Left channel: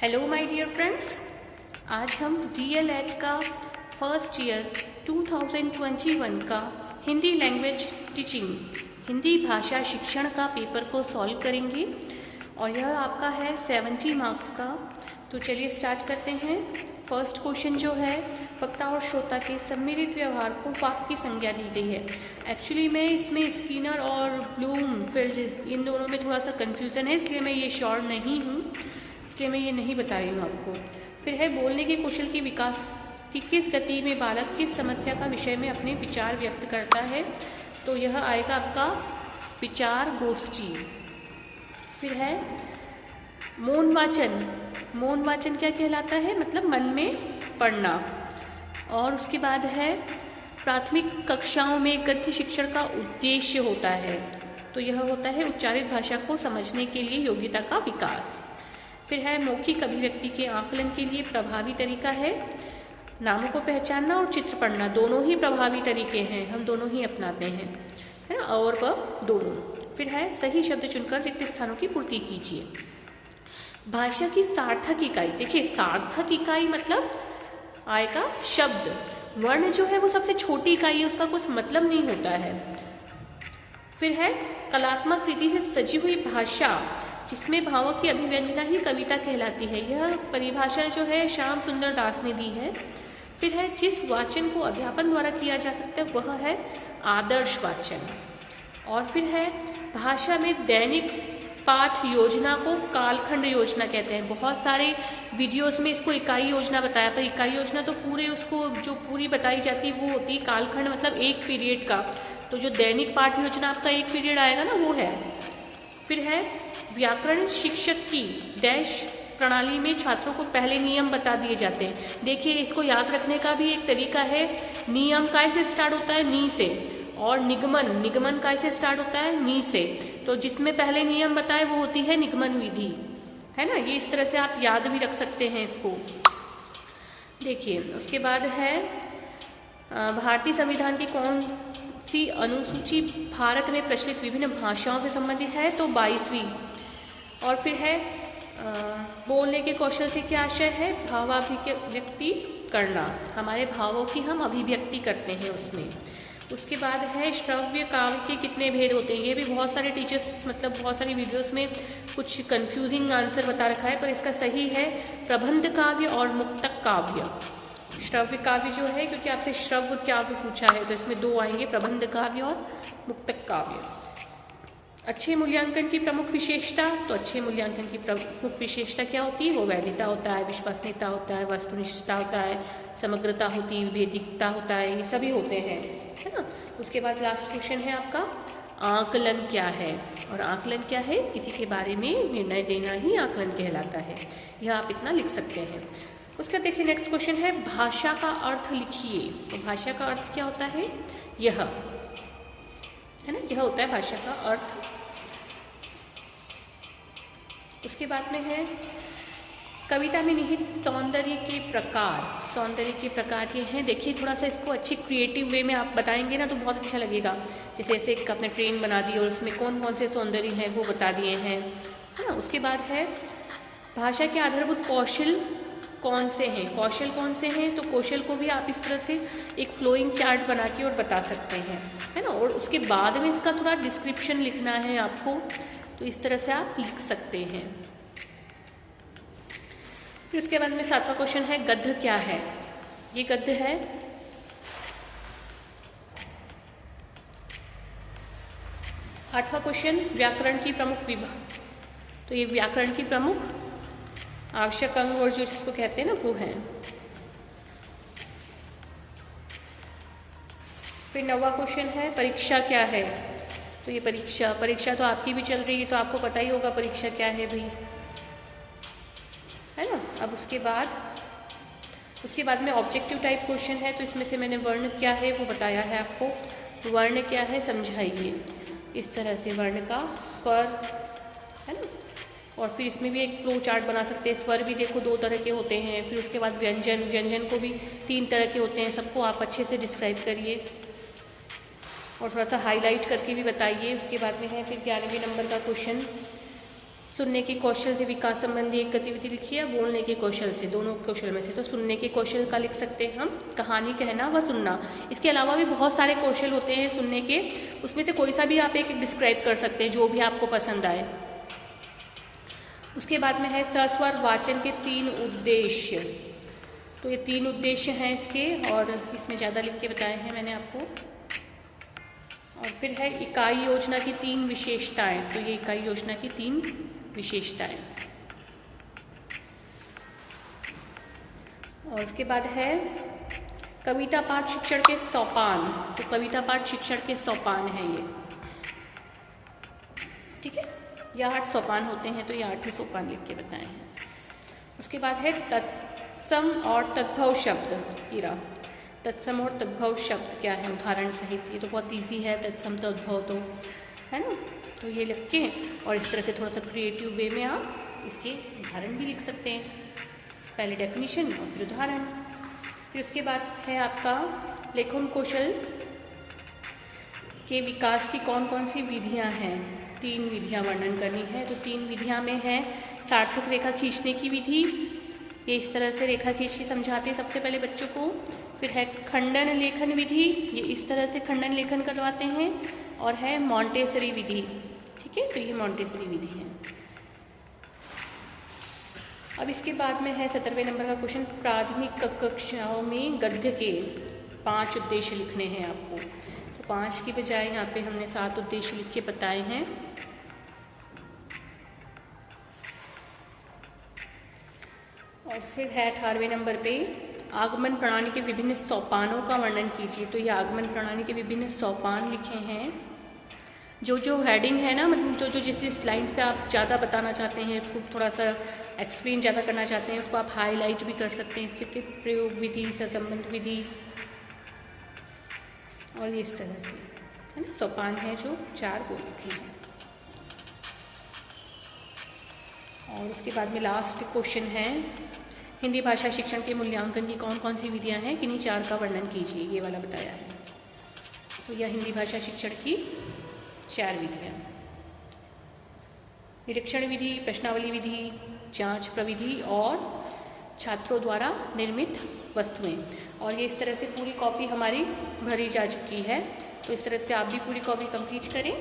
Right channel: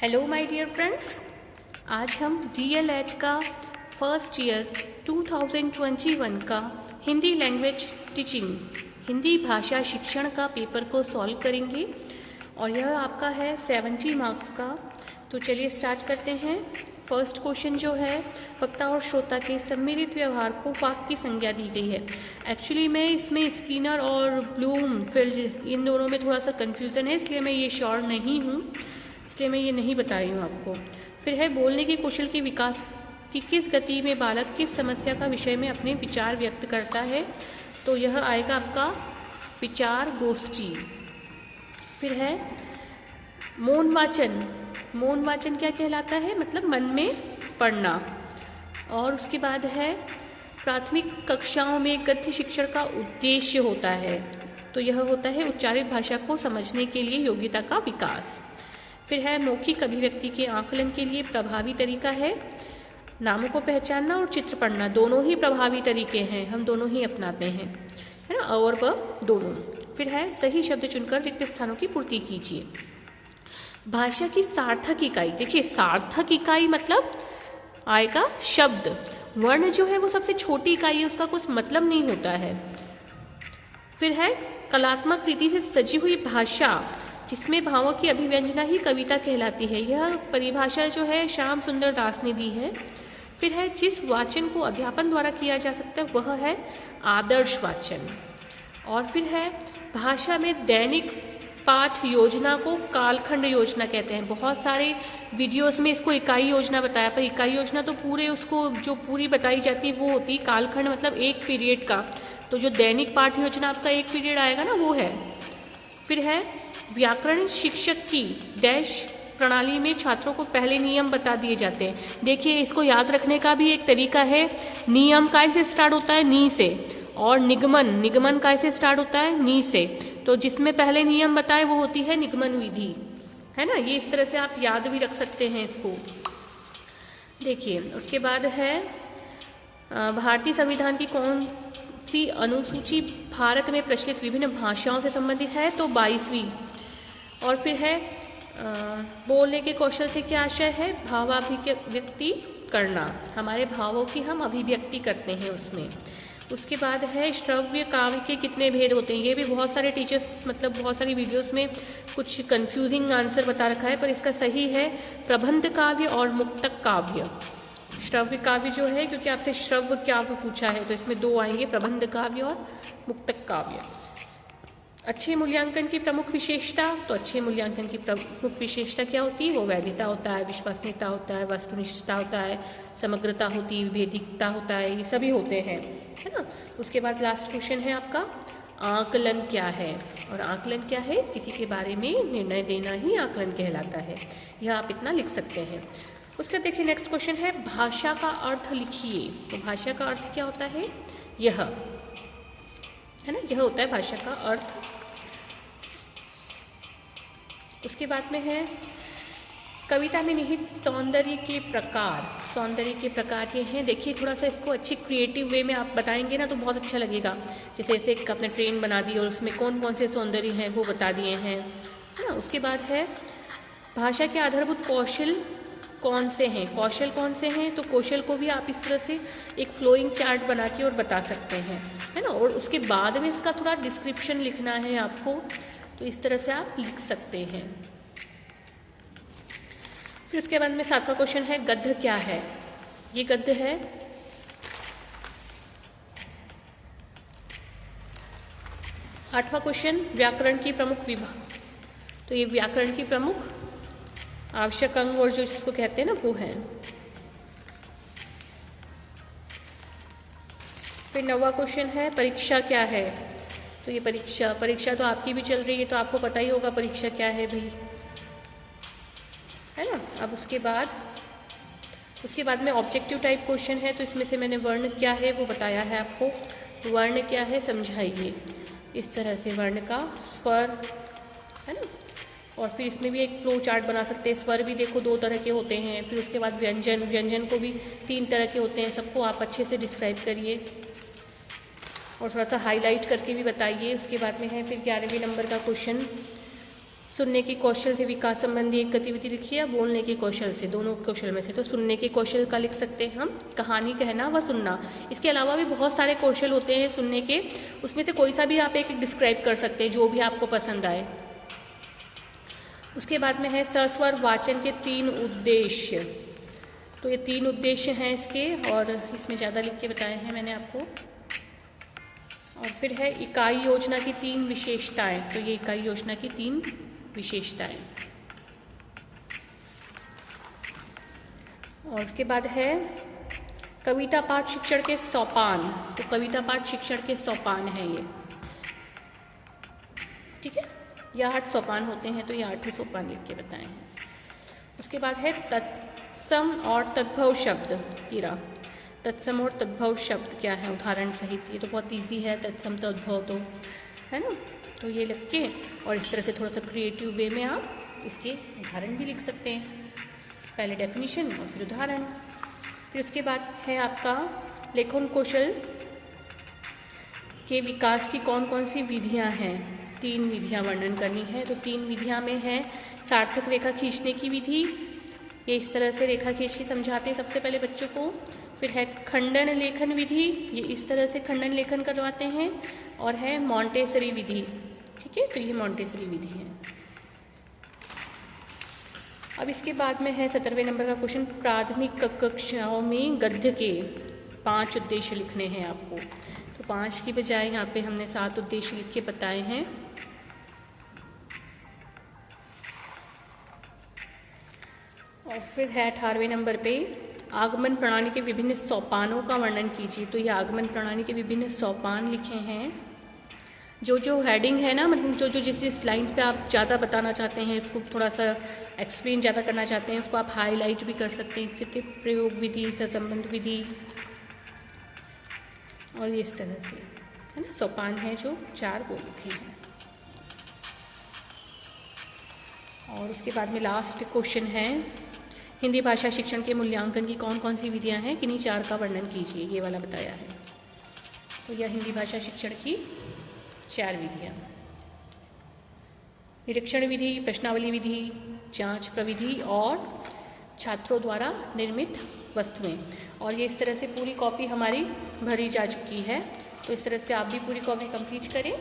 Hello my dear friends, आज हम DLED का फर्स्ट ईयर 2021 का हिंदी लैंग्वेज टीचिंग हिंदी भाषा शिक्षण का पेपर को सॉल्व करेंगे और यह आपका है 70 मार्क्स का। तो चलिए स्टार्ट करते हैं। फर्स्ट क्वेश्चन जो है, वक्ता और श्रोता के सम्मिलित व्यवहार को वाक्य की संज्ञा दी गई है। एक्चुअली मैं इसमें स्किनर और ब्लूमफील्ड इन दोनों में थोड़ा सा कन्फ्यूज़न है, इसलिए मैं ये श्योर नहीं हूँ, इसलिए मैं ये नहीं बता रही हूँ आपको। फिर है बोलने के कौशल के विकास की किस गति में बालक किस समस्या का विषय में अपने विचार व्यक्त करता है, तो यह आएगा आपका विचार गोष्ठी। फिर है मौन वाचन। मौन वाचन क्या कहलाता है, मतलब मन में पढ़ना। और उसके बाद है प्राथमिक कक्षाओं में गद्य शिक्षण का उद्देश्य होता है, तो यह होता है उच्चारित भाषा को समझने के लिए योग्यता का विकास। फिर है मौखिक अभिव्यक्ति के आकलन के लिए प्रभावी तरीका है नामों को पहचानना और चित्र पढ़ना। दोनों ही प्रभावी तरीके हैं, हम दोनों ही अपनाते हैं, है ना, और व दोनों। फिर है सही शब्द चुनकर रिक्त स्थानों की पूर्ति कीजिए। भाषा की सार्थक इकाई, देखिए सार्थक इकाई मतलब आएगा शब्द। वर्ण जो है वो सबसे छोटी इकाई है, उसका कुछ मतलब नहीं होता है। फिर है कलात्मक रीति से सजी हुई भाषा जिसमें भावों की अभिव्यंजना ही कविता कहलाती है। यह परिभाषा जो है श्याम सुंदर दास ने दी है। फिर है जिस वाचन को अध्यापन द्वारा किया जा सकता है वह है आदर्श वाचन। और फिर है भाषा में दैनिक पाठ योजना को कालखंड योजना कहते हैं। बहुत सारे वीडियोस में इसको इकाई योजना बताया, पर इकाई योजना तो पूरे उसको जो पूरी बताई जाती है वो होती है कालखंड, मतलब एक पीरियड का। तो जो दैनिक पाठ योजना आपका एक पीरियड आएगा ना, वो है। फिर है व्याकरण शिक्षक की डैश प्रणाली में छात्रों को पहले नियम बता दिए जाते हैं। देखिए इसको याद रखने का भी एक तरीका है। नियम कैसे स्टार्ट होता है, नी से, और निगमन कैसे स्टार्ट होता है, नी से। तो जिसमें पहले नियम बताए वो होती है निगमन विधि, है ना। ये इस तरह से आप याद भी रख सकते हैं इसको। देखिए उसके बाद है भारतीय संविधान की कौन सी अनुसूची भारत में प्रचलित विभिन्न भाषाओं से संबंधित है, तो 22वीं। और फिर है बोलने के कौशल से क्या आशय है, भावाभिव्यक्ति करना, हमारे भावों की हम अभिव्यक्ति करते हैं उसमें। उसके बाद है श्रव्य काव्य के कितने भेद होते हैं। ये भी बहुत सारे टीचर्स, मतलब बहुत सारी वीडियोस में कुछ कंफ्यूजिंग आंसर बता रखा है, पर इसका सही है प्रबंध काव्य और मुक्तक काव्य। श्रव्य काव्य जो है, क्योंकि आपसे श्रव्य काव्य पूछा है, तो इसमें दो आएंगे, प्रबंध काव्य और मुक्तक काव्य। अच्छे मूल्यांकन की प्रमुख विशेषता, तो अच्छे मूल्यांकन की प्रमुख विशेषता क्या होती है, वो वैधता होता है, विश्वसनीयता होता है, वस्तुनिष्ठता होता है, समग्रता होती है, विभेदिकता होता है, ये सभी होते हैं, है ना। उसके बाद लास्ट क्वेश्चन है आपका आकलन क्या है। और आकलन क्या है, किसी के बारे में निर्णय देना ही आकलन कहलाता है। यह आप इतना लिख सकते हैं। उसका देखिए नेक्स्ट क्वेश्चन है भाषा का अर्थ लिखिए। तो भाषा का अर्थ क्या होता है, यह है ना, यह होता है भाषा का अर्थ। उसके बाद में है कविता में निहित सौंदर्य के प्रकार। सौंदर्य के प्रकार ये हैं, देखिए थोड़ा सा इसको अच्छी क्रिएटिव वे में आप बताएंगे ना तो बहुत अच्छा लगेगा। जैसे ऐसे एक आपने ट्रेन बना दी और उसमें कौन कौन से सौंदर्य हैं वो बता दिए हैं, है ना। उसके बाद है भाषा के आधारभूत कौशल कौन से हैं, कौशल कौन से हैं, तो कौशल को भी आप इस तरह से एक फ्लोइंग चार्ट बना के और बता सकते हैं, है ना। और उसके बाद में इसका थोड़ा डिस्क्रिप्शन लिखना है आपको, तो इस तरह से आप लिख सकते हैं। फिर उसके बाद में 7वां क्वेश्चन है गद्य क्या है। ये गद्य है। 8वां क्वेश्चन व्याकरण की प्रमुख विभाग, तो ये व्याकरण की प्रमुख आवश्यक अंग और जो इसको कहते हैं ना वो है। फिर 9वां क्वेश्चन है परीक्षा क्या है। तो ये परीक्षा तो आपकी भी चल रही है, तो आपको पता ही होगा परीक्षा क्या है भी, है ना। अब उसके बाद में ऑब्जेक्टिव टाइप क्वेश्चन है, तो इसमें से मैंने वर्ण क्या है वो बताया है आपको। वर्ण क्या है समझाइए, इस तरह से वर्ण का स्वर, है ना। और फिर इसमें भी एक फ्लो चार्ट बना सकते हैं। स्वर भी देखो 2 तरह के होते हैं। फिर उसके बाद व्यंजन को भी 3 तरह के होते हैं। सबको आप अच्छे से डिस्क्राइब करिए और थोड़ा सा हाईलाइट करके भी बताइए। उसके बाद में है फिर 11वें नंबर का क्वेश्चन सुनने के कौशल से विकास संबंधी एक गतिविधि लिखिए, बोलने के कौशल से, दोनों कौशल में से। तो सुनने के कौशल का लिख सकते हैं हम कहानी कहना व सुनना। इसके अलावा भी बहुत सारे कौशल होते हैं सुनने के, उसमें से कोई सा भी आप एक डिस्क्राइब कर सकते हैं जो भी आपको पसंद आए। उसके बाद में है सस्वर वाचन के 3 उद्देश्य। तो ये 3 उद्देश्य हैं इसके, और इसमें ज़्यादा लिख के बताए हैं मैंने आपको। और फिर है इकाई योजना की 3 विशेषताएं। तो ये इकाई योजना की 3 विशेषताएं। और उसके बाद है कविता पाठ शिक्षण के सोपान। तो कविता पाठ शिक्षण के सोपान है ये, ठीक है। ये 8 सोपान होते हैं, तो ये 8 सोपान लिख के बताए हैं। उसके बाद है तत्सम और तद्भव शब्द कीरा। तत्सम और तद्भव शब्द क्या है, उदाहरण सहित। ये तो बहुत इजी है, तत्सम तद्भव तो है ना। तो ये लिख के और इस तरह से थोड़ा सा क्रिएटिव वे में आप इसके उदाहरण भी लिख सकते हैं। पहले डेफिनेशन और फिर उदाहरण। फिर उसके बाद है आपका लेखन कौशल के विकास की कौन कौन सी विधियां हैं। 3 विधियां वर्णन करनी है। तो 3 विधियां में है सार्थक रेखा खींचने की विधि, ये इस तरह से रेखा खींच के समझाते हैं सबसे पहले बच्चों को। फिर है खंडन लेखन विधि, ये इस तरह से खंडन लेखन करवाते हैं। और है मॉन्टेसरी विधि, ठीक है। तो ये मॉन्टेसरी विधि है। अब इसके बाद में है 17वें नंबर का क्वेश्चन, प्राथमिक कक्षाओं में गद्य के 5 उद्देश्य लिखने हैं आपको। तो 5 की बजाय यहाँ पे हमने 7 उद्देश्य लिख के बताए हैं। और फिर है 18वें नंबर पे आगमन प्रणाली के विभिन्न सोपानों का वर्णन कीजिए। तो ये आगमन प्रणाली के विभिन्न सोपान लिखे हैं। जो हेडिंग है ना, मतलब जो जिस लाइन्स पे आप ज़्यादा बताना चाहते हैं, इसको थोड़ा सा एक्सप्लेन ज़्यादा करना चाहते हैं, उसको आप हाईलाइट भी कर सकते हैं। स्थिति प्रयोग विधि, सहसंबंध विधि, और ये इस तरह से है ना सोपान है जो 4 वो लिखे हैं। और उसके बाद में लास्ट क्वेश्चन है हिंदी भाषा शिक्षण के मूल्यांकन की कौन कौन सी विधियां हैं, किन्हीं 4 का वर्णन कीजिए। ये वाला बताया है। तो यह हिंदी भाषा शिक्षण की 4 विधियां, निरीक्षण विधि, प्रश्नावली विधि, जांच प्रविधि और छात्रों द्वारा निर्मित वस्तुएं। और ये इस तरह से पूरी कॉपी हमारी भरी जा चुकी है। तो इस तरह से आप भी पूरी कॉपी कंप्लीट करें।